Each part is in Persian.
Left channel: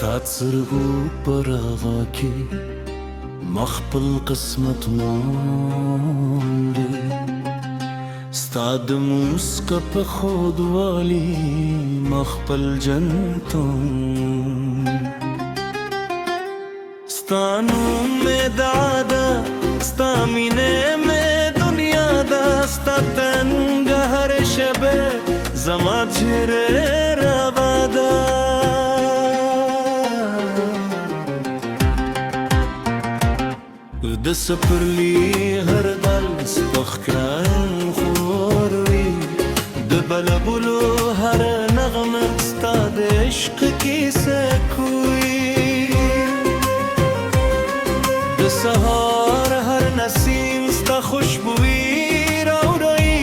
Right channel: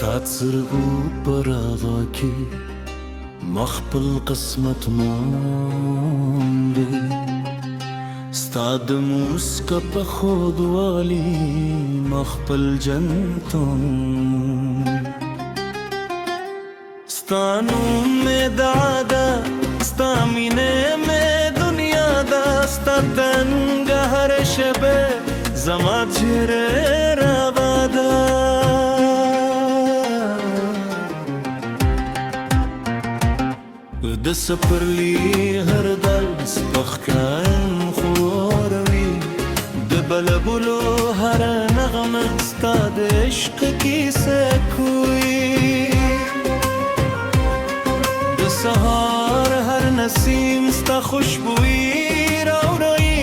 تاتسربو براغاكي مخبل قسمت موندي استاد موسكا بخود والي مخبل جنتون ستانو میں دادا ستا مینه میں دنیا دا ستا تنگ هر شبه زما جره روادا د سپرلی هر دل سپخکران خوروی د بلبلو هر نغمه ستا د عشق کیسه کوی د سهار هر نسیم ستا خوشبویی راوړی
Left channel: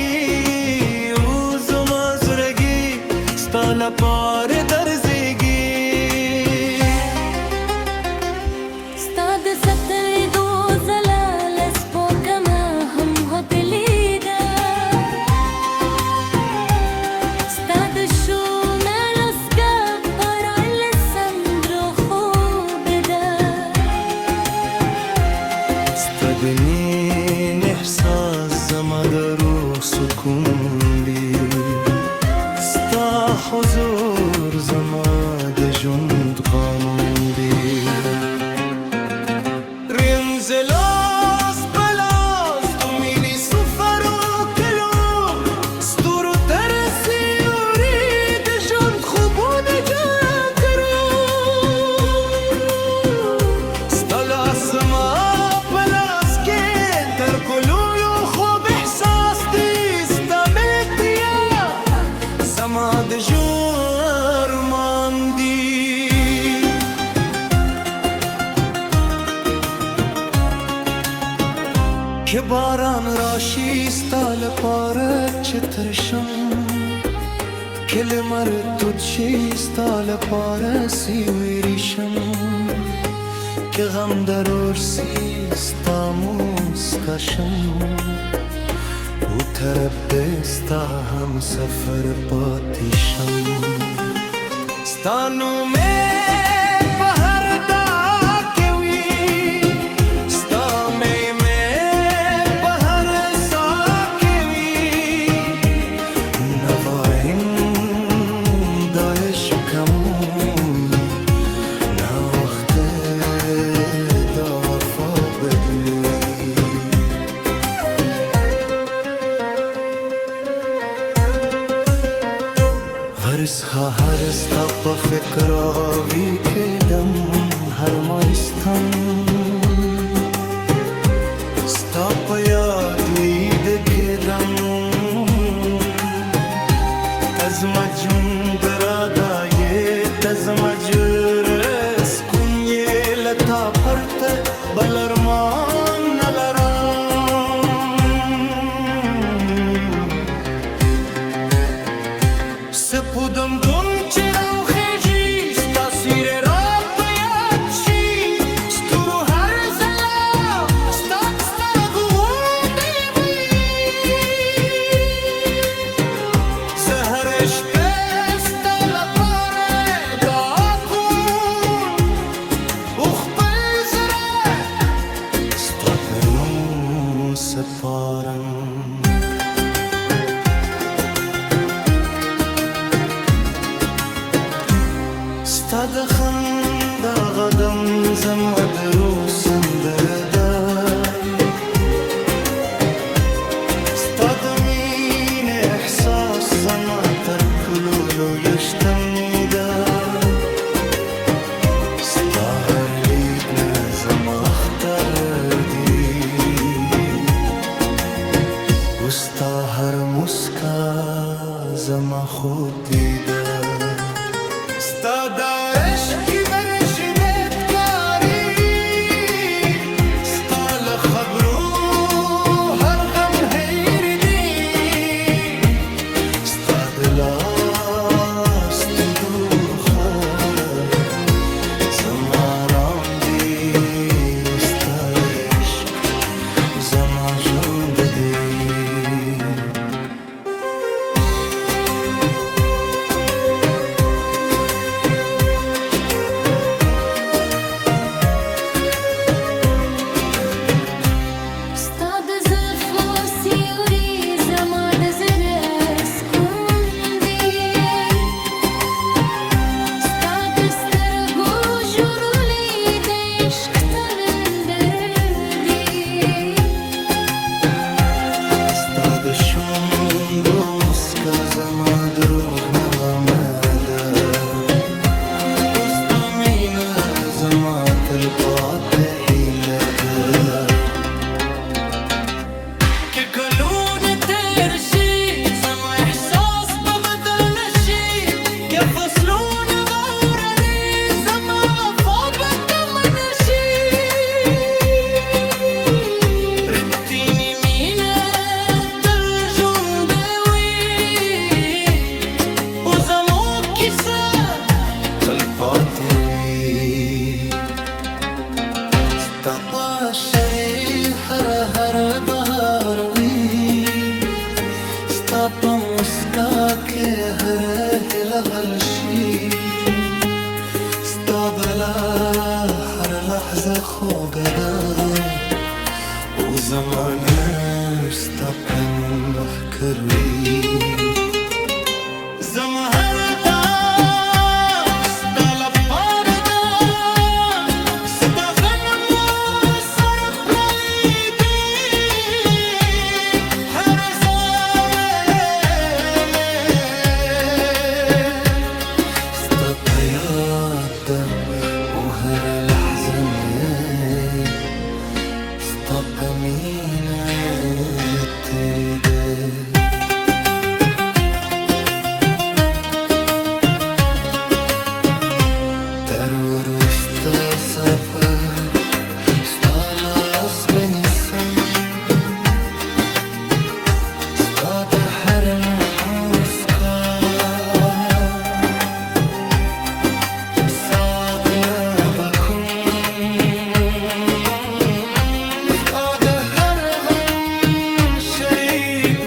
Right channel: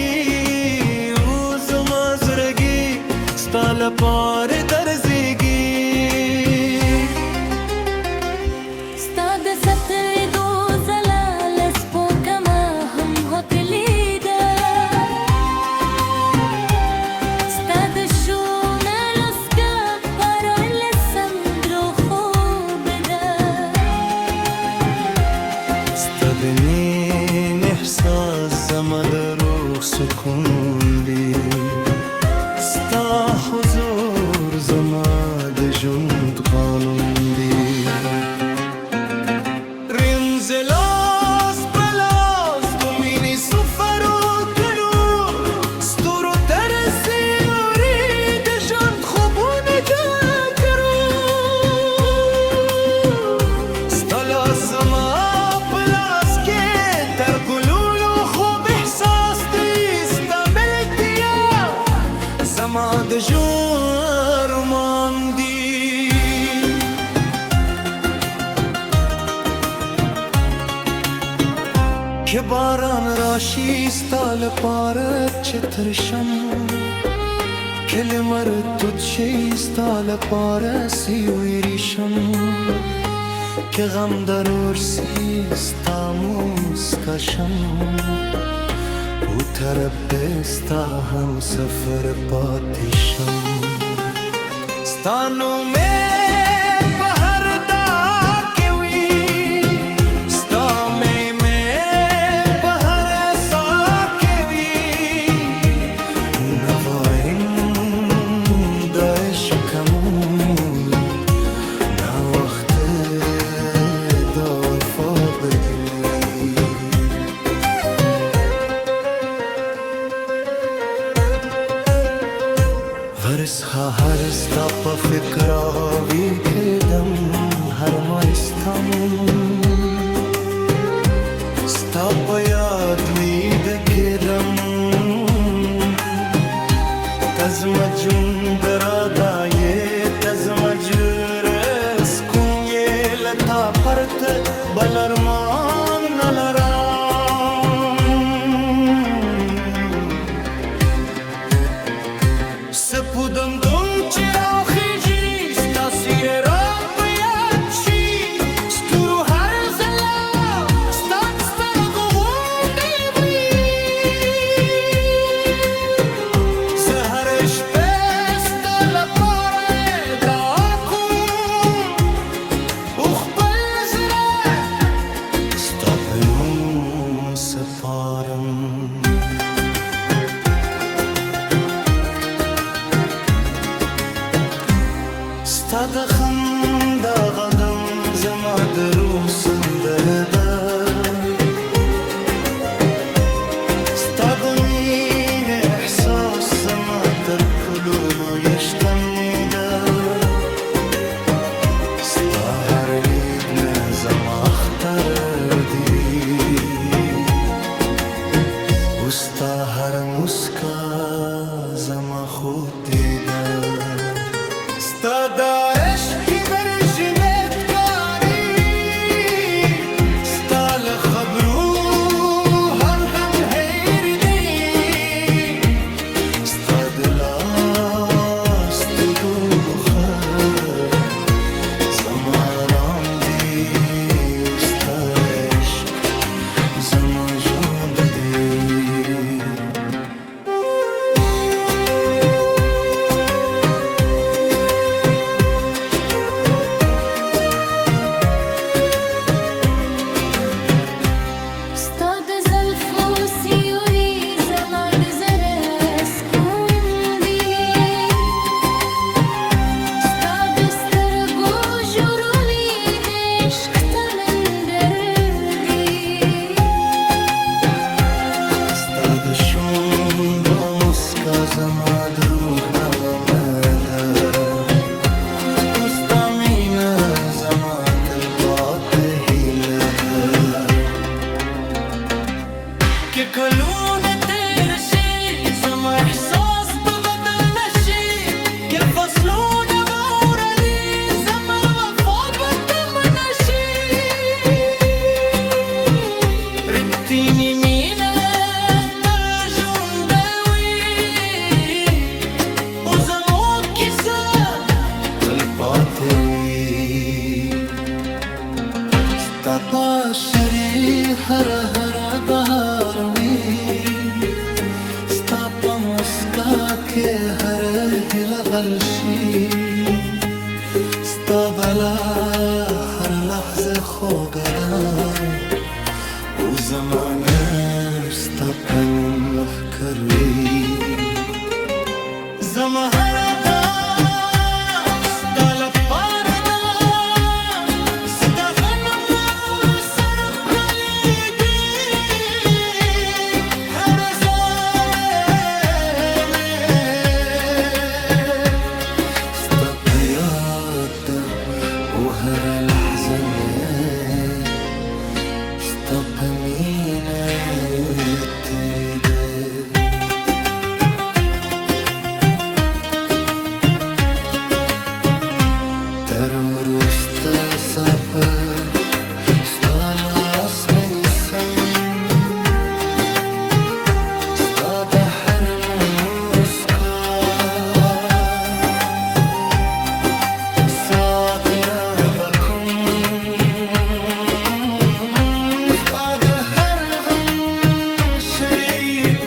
او زما زړګي ستا لپاره درزیږي ستا د سترګو دنین احساس زما د روح سکون دی ستا حضور زما د ژوند قانون دی رنزلاس بلاس تو مینی سفرو کلو ستورو ترسی اوری د ژوند خوبونه جا کرو ستا لاس زما تر کلولو خوب احساس دی ستا ملک دیا زما د ژوند ارمان دی که باران راشي ستا لپاره چې ترشم که لمر تود شي ستا لپاره سیوریشم که غم درور سی ستا موسکاشم او طرف دستا هم سفر پاتیشم ستا نومه په هر دا کې وي ستا میمه په هر سا کې وي نواین د عشق موی نا وخت ورسخه هر ستا په فکر آوی کدم هر مایستان ستا په یاد ویده کدم تزما جون درادایه تزما جرس کنیه لتا پرت بلرمان نلرام سپودم دون چراو خیجی ستا سیر را بیاد چی ستورو هر زلا ستا سترگو غوندی بی زهرش بستا لپاره دا کن اوخ بل زره ستا بنو سپارم ستا د خندا غدم زما د روح سندره ده ستا د مینې احساس زما تر ټولو لویه شتمني ده ستا هر لید نه زما اختر دی او ستا هر مسکا زما خود دیده ستا دارش کی برشدت کاری ستا لخبرو هر غم حیر دی ستا دلاست دوخر زما آرام دی ستا عشق زما ژوند دی شوند و مسکا زما درود نغمه ده مینه زما تلقات هیله ده که کلونه تیر شی زما احساس ببدل نشی که فصلونه بوردی زما وفا بکم نشی رتینی مینه تل جونده وی و زما کسه الباطوي استطاع شري هر بهاروي استطاع مسكاك هر هلغلشي استقبلا هر لحظة خوغدا وزمان استقبلوا محكروي زمهر la parda sta venendo sarap nalidi har zame me sta bayad و هر لحظه me sta bemine teride Terörist sapır Stalas benisam Sta behar muska Saat nebakum Sta behar gam şerik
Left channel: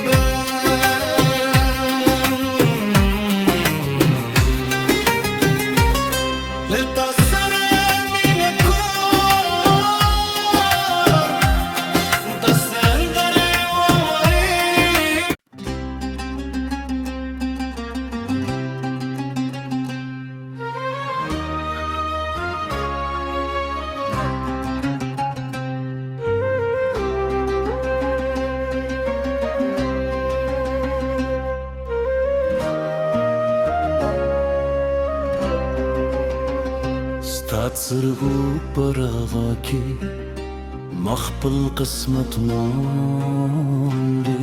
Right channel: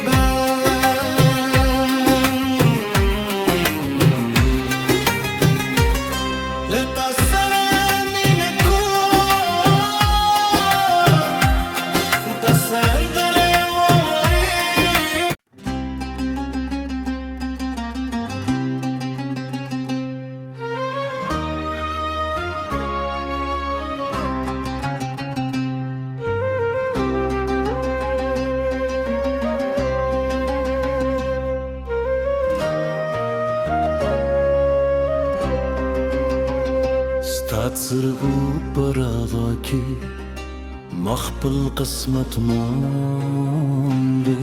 لتصر من كور ده سندر وغريب تصربو براغاكي مخبل قسمة ماندي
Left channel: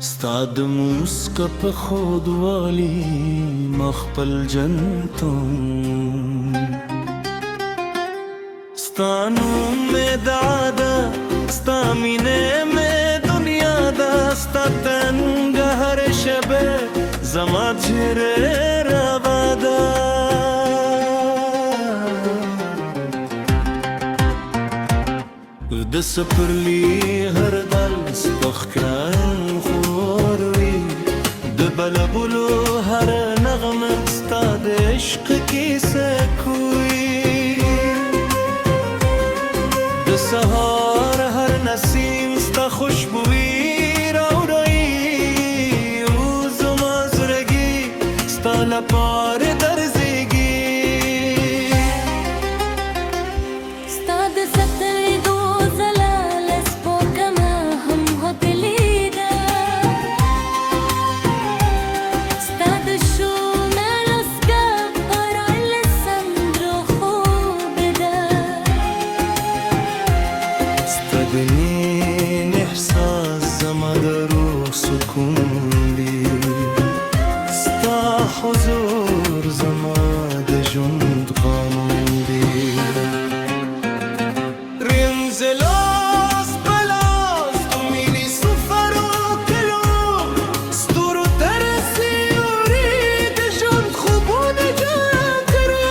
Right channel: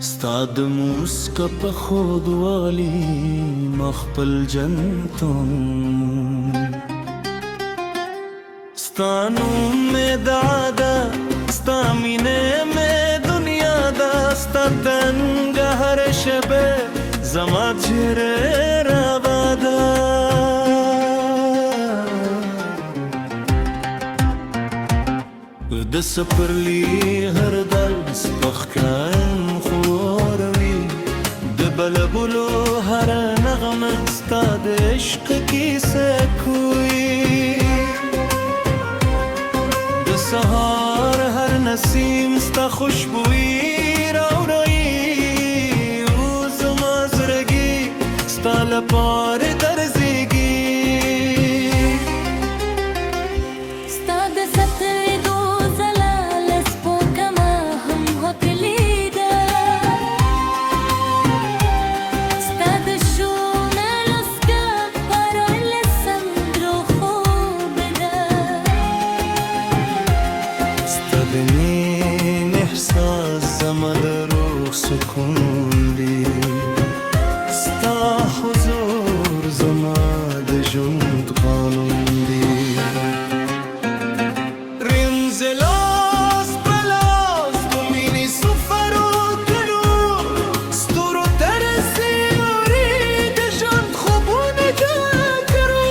استعد موسكا بخود والي مخبل جنتون استانو مدعادا استامينه مي دنيا دا استاتن هر شبه زمات جره رابادا د سپرلی هر دل سپخکران خوروی د بلبلو هر نغمه ستا د عشق کیسه کوی د سهار هر نسیم ستا خوشبویی راوړی او زما زړګي ستا لپاره درزیږي ستا د سترګو دنين إحساس زما دروح سكون دي ستا حضور زما د جند قانون دي رنزلاس بلاس دوميني سفرو كلو ستورو ترسي يريد جند خوبون جاكرو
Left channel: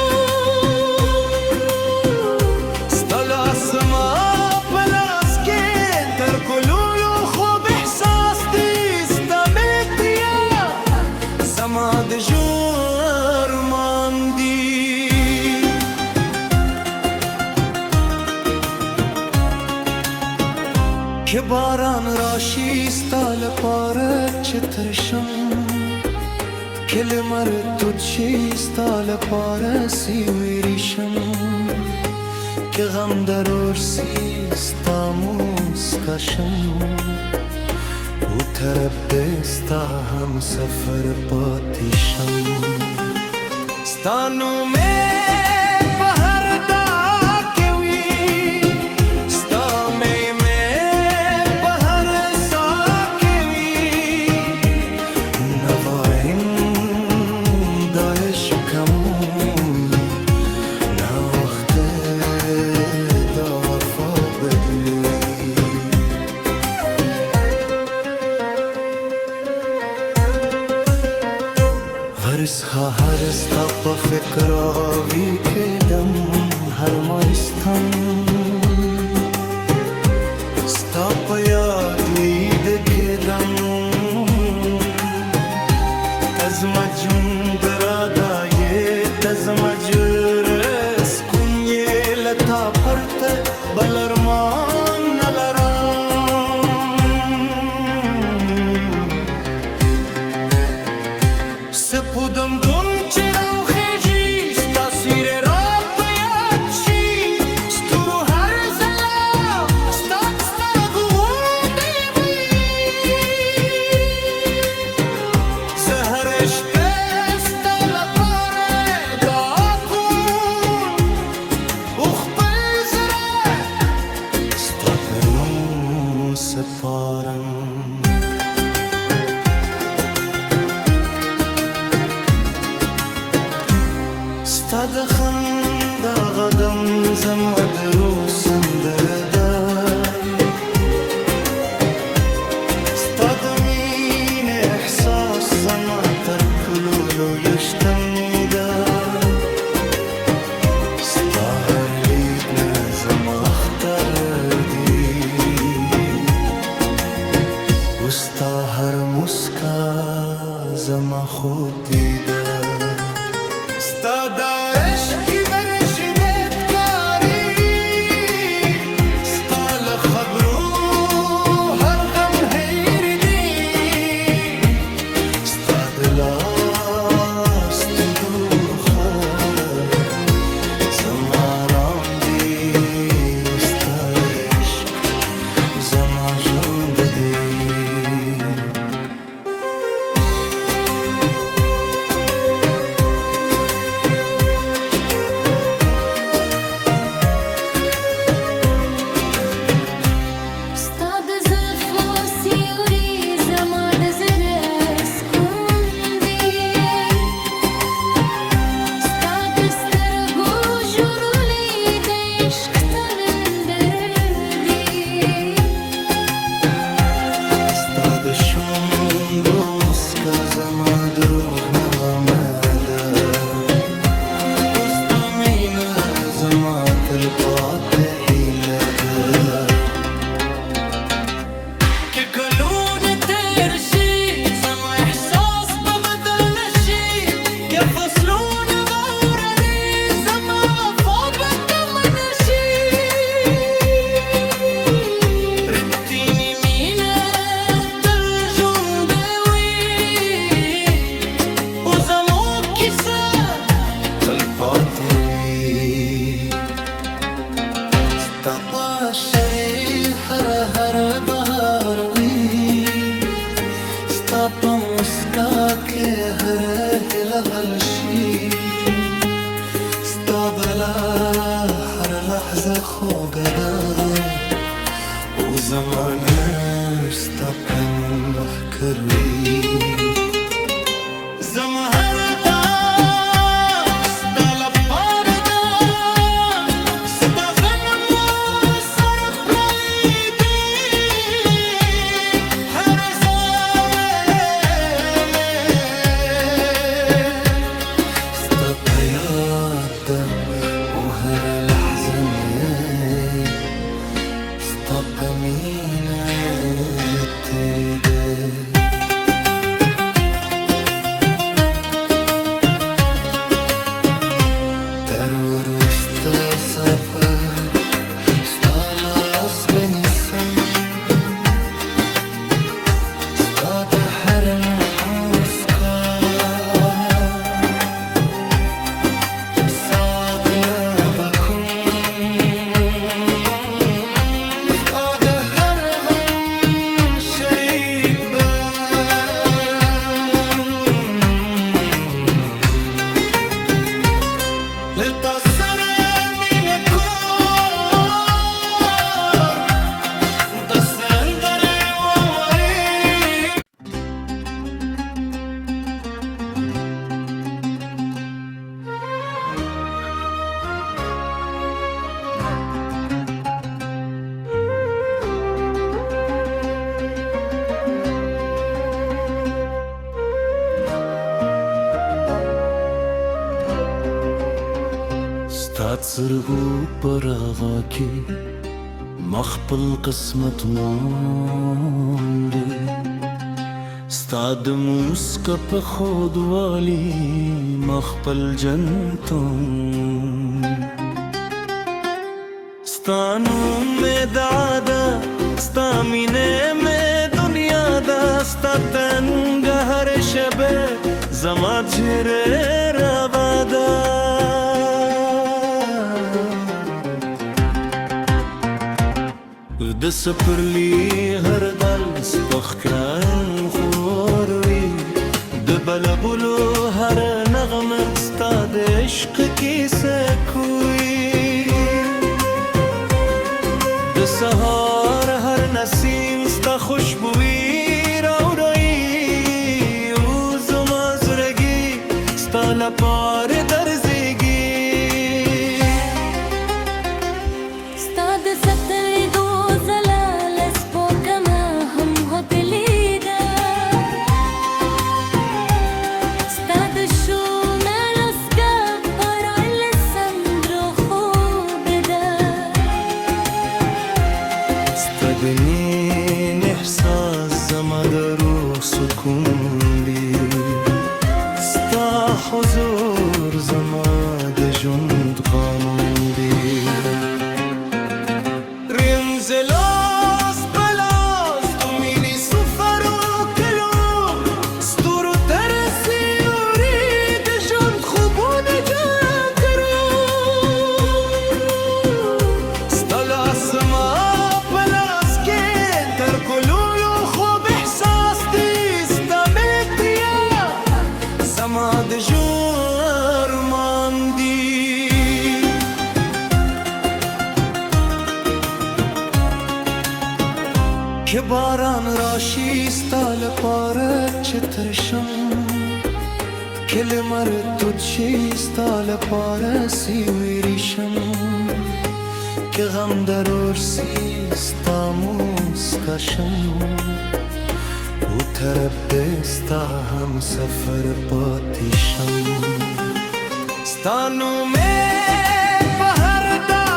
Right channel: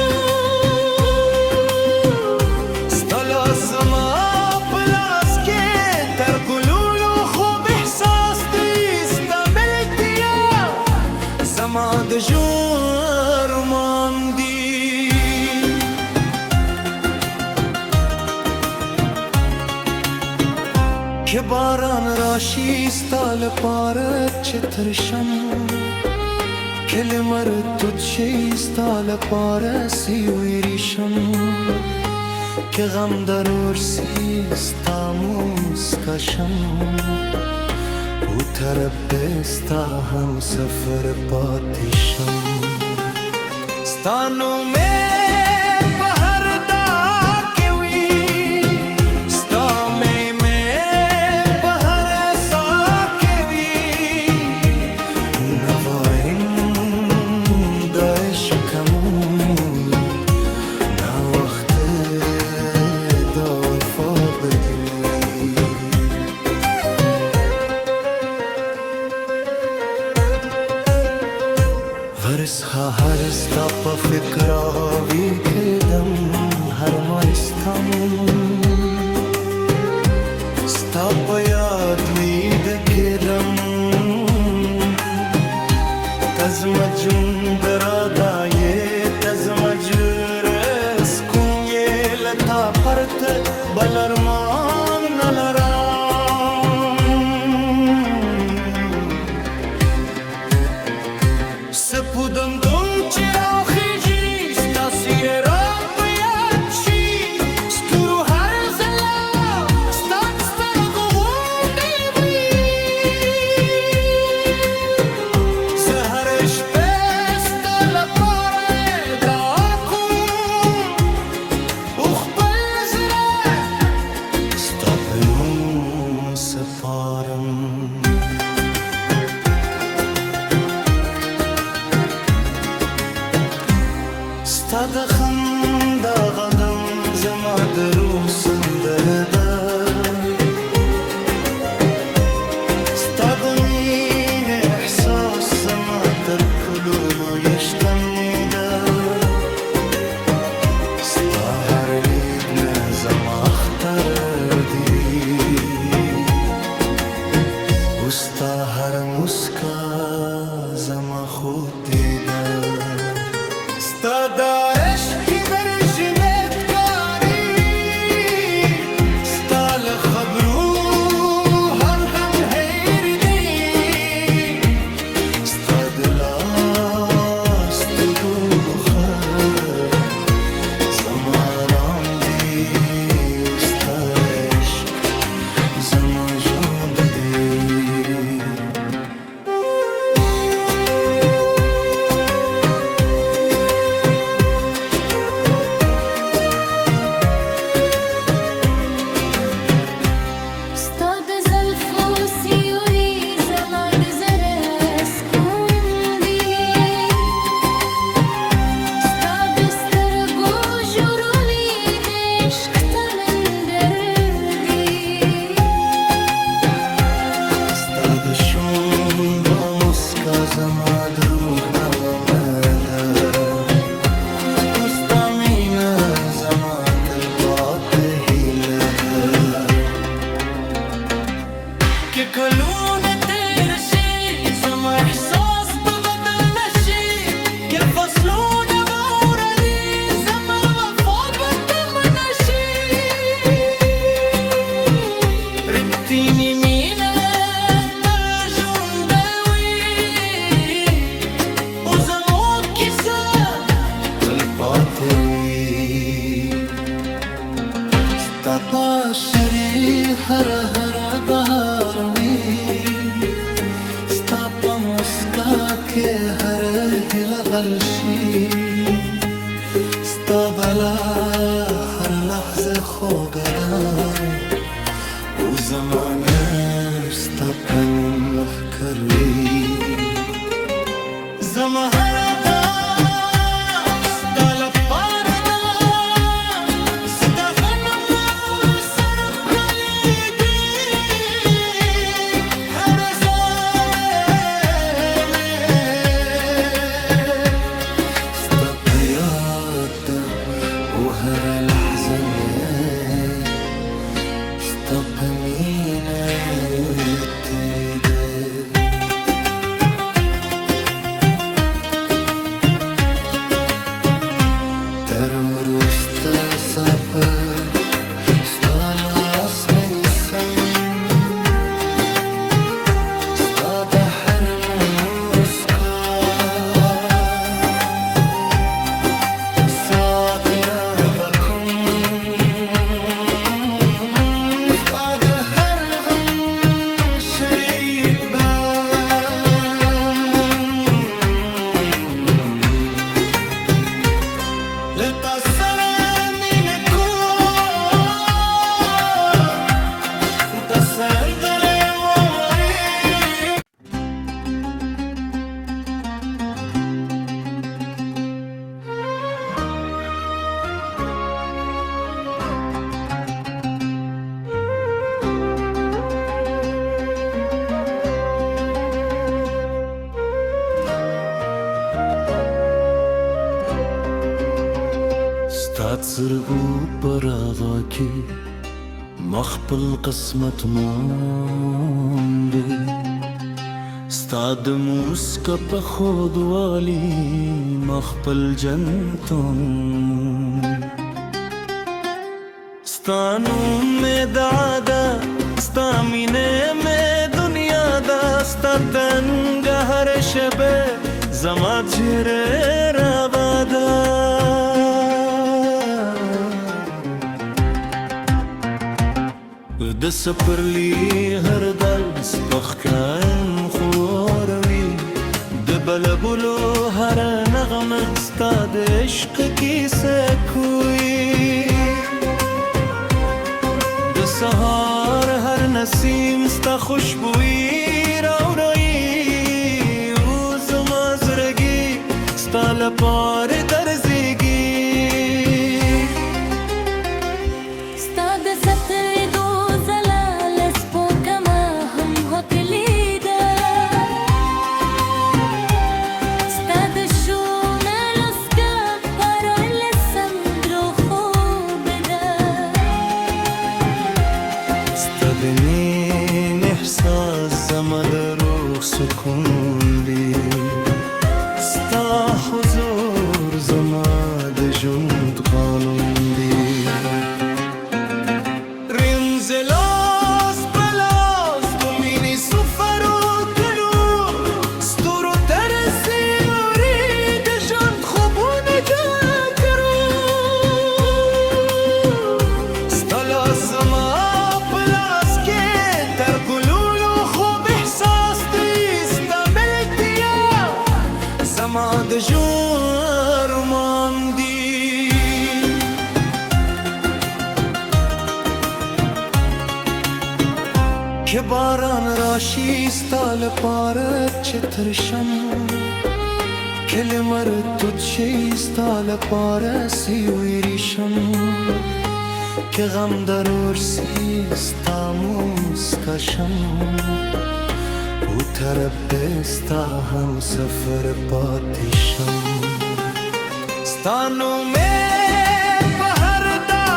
ستالاس زما زما د ژوند ماندي که باران راشي ستا لپاره چې ترشم که لمر توت شي ستا لپاره سیوریشم که غم درور سي ستا موسکا شم وتربي ستا هم سفر پاتیشم ستانو میں پہر دا کیوی ستا میں پہر سا کیوی نوائن دا عشقموی نا وقت دا وفا بدلوی هرسها هرستا پا فکراوی کدم هر مایستان ستا پا یادوی دکدم تزم جون درادای تزم جرس کنی لتا پرت بلرمان نلرام سپودم دون چرا خیجی ستا سیر را پیاچی ستورو هر زلا ستا گوون بیوی زهرش پستا لپاره دا کن اخ پلزره ستا بنو سپارم ستا د خندا غدم زما د روح سندره ده ستا د مینې احساس زما تر ټولو لویه شتمني ده ستا هر لید نه زما اختر دی و ستا هر مسکا زما خود دیده ستا دارش ای برشدت کاری ستا لخبرو هر غم حیر دی ستا دلاست دوخه زما رام دی و ستا عشق زما جوند دی د شوندو مسکا زما د روح نغمه ده و ستا مینه زما تلپاته هیله ده که کلونه تیر شي زما احساس به بدل نشي که فصلونه به وردي زما وفا به کم نشي رتینی مینه پاته وی ستا پاشری هر بهار وی ستا پا مسکا که هر هیله غل شي ستا بلا هر لحظه خوږه ده و زمانه ستا په نوم محکر وی زما هر پاردا ستا غنم سر پرلی دی هر زامه ستا پیاد ده و هر لحظه میں ستا پمینه تری ده ستا سره مینه کن دا سندره ووری ستا څرګو پر هغه کې مخپل قسمت موندې ستا د موسکا په خودوالي مخپل جنتون ستا نوم مې دادا ستا مینه مې دنیا دا ستا تنګ هر شبه زما چهره راوادا د سپرلی هر دل سپخکان خوروي د بلبلو هر نغمه ستا د عشق کیسه کوي د سهار هر نسیم ستا خوشبوئی راوړي او زما زړګي ستا لپاره درځيږي ستا د سترګو دنین احساس زما د روح سکون دی ستا حضور زما د ژوند قانون دی رنزلاس پلاس تو مینی سفرو کلو ستورو ترسی اوری د ژوند خوبونه جا کرو ستا لاس زما تر ګلولو خوب احساس دی ستا ملک بیا زما د ژوند ارمان دی که باران راشي ستا لپاره چې ترشم که لمر تود شي ستا لپاره سیوریشم که غم درور سی ستا موسکا شم او طرف ستا هم سفر پاتی شم ستا نومه په هر دا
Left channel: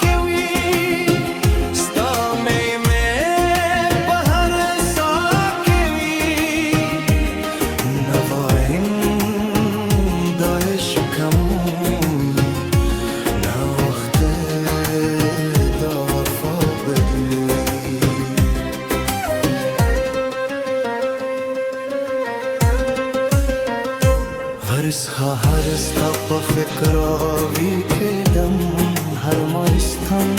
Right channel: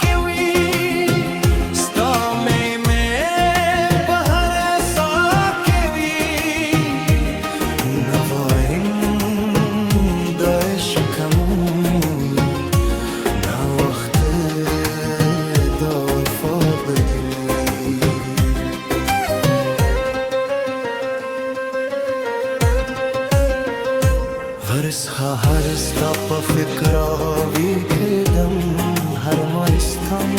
کې وي ستا میمه په هر سا کې وي نواین د عشق موی نا وخت هرسها هرستا په فکر آوی کدم هر مایستم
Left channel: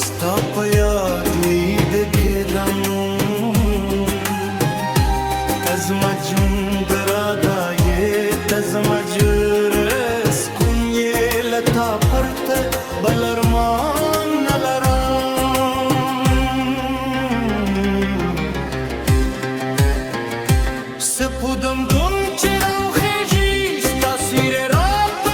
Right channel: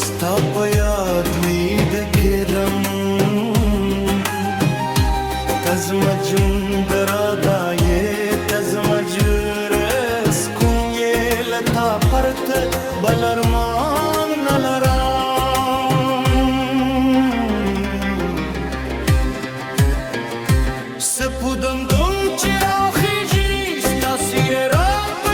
ستا په یاد ویده کدم تزما جون درادایه تزما جرس کنیه لتا پرت بلرمان نلرام سپودم دون چراو خیجی ستا سیر را